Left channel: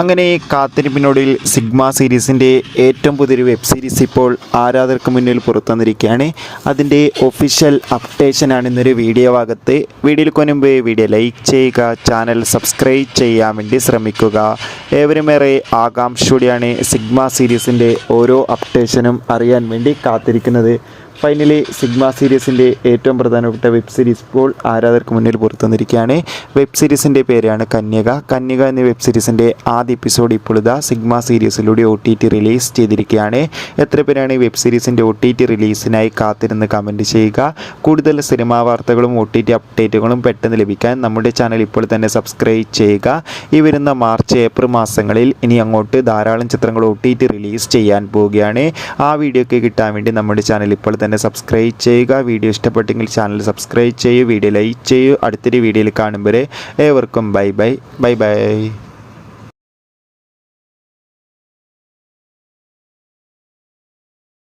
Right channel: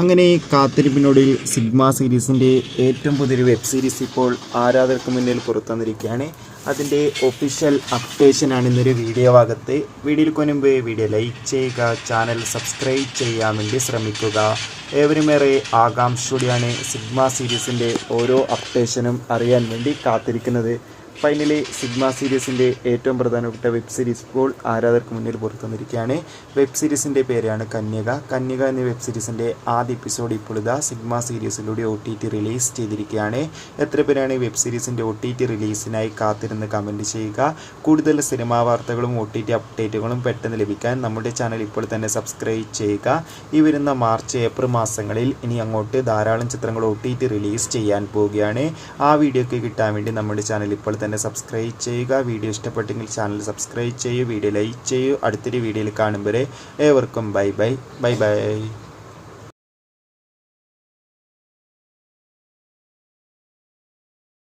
അങ്ങനെ കാത്തിരിപ്പിനൊടുവിൽ സിഗ്മ സീരീസിൻ്റെ ഏറ്റവും പുതിയൊരു വെബ് സീരീസ് ഇപ്പോൾ ആരാധകർക്ക് മുന്നിൽ പുറത്തുവന്നിരിക്കുകയാണ്. അതിൻ്റെ ഒഫീഷ്യൽ അപ്ഡേഷനാണ് ഇന്നൊരു വീഡിയോ ഭാഗത്ത്. വീഡിയോയിൽ മുൻപ് വീഡിയോ ലൈക്ക് ചെയ്യുക, ചാനൽ സബ്സ്ക്രൈബ് ചെയ്യാൻ വേണ്ടി ശ്രമിക്കുക. ഏവരുമേറെ ആകാംക്ഷയോടെയാണ് സിഗ്മ സീരീസിൻ്റെ ഓരോ അപ്ഡേഷനും അറിയാൻ വേണ്ടി കാത്തിരിക്കുന്നത്. ഫൈനലി സിഗ്മ സീരീസിൻ്റെ ഏറ്റവും പ്രധാനപ്പെട്ട വെബ് സീരീസ് ഇപ്പോൾ ആരാധകർക്ക് മുന്നിൽ പുറത്തുവന്നിരിക്കുകയാണ്. വെബ് സീരീസിൻ്റെ പേരാണ് കന്യക എന്ന വെബ് സീരീസിൻ്റെ ആദ്യ എപ്പിസോഡ് ഇപ്പോൾ ഇതാ സിഗ്മ സീരീസിലൂടെ OTT റിലീസ് ചെയ്തിരിക്കുകയാണ്. എത്ര പേരാണ് വെബ് സീരീസിൻ്റെ OTT റിലീസിനായി കാത്തിരുന്ന് കമൻറ്റ് ചെയ്യുക. കൂടുതൽ സിനിമാ വാർത്തകളും OTT അപ്ഡേറ്റുകളും പെട്ടെന്ന് ലഭിക്കാൻ നമ്മുടെ ചാനൽ ഇപ്പോൾ തന്നെ സബ്സ്ക്രൈബ് ചെയ്യുക. ഈ വരുന്ന മാർച്ച് ഏപ്രിൽ മാസങ്ങളിൽ ഇനി അങ്ങോട്ട് ധാരാളം ചിത്രങ്ങൾ OTT റിലീസ് ചെയ്യാൻ പോവുകയാണ്. ആ വീഡിയോയ്ക്ക് കിട്ടാൻ വേണ്ടി നമ്മുടെ ചാനൽ ഇപ്പോൾ തന്നെ സബ്സ്ക്രൈബ് ചെയ്യുക. വീഡിയോ ഇഷ്ടപ്പെട്ടെങ്കിൽ ചാനൽ സബ്സ്ക്രൈബ് ചെയ്യൂ, വീഡിയോ ലൈക്ക് ചെയ്യൂ. അടുത്തൊരു വീഡിയോയിൽ കാണുമ്പോൾ ഏവർക്കും ബൈ.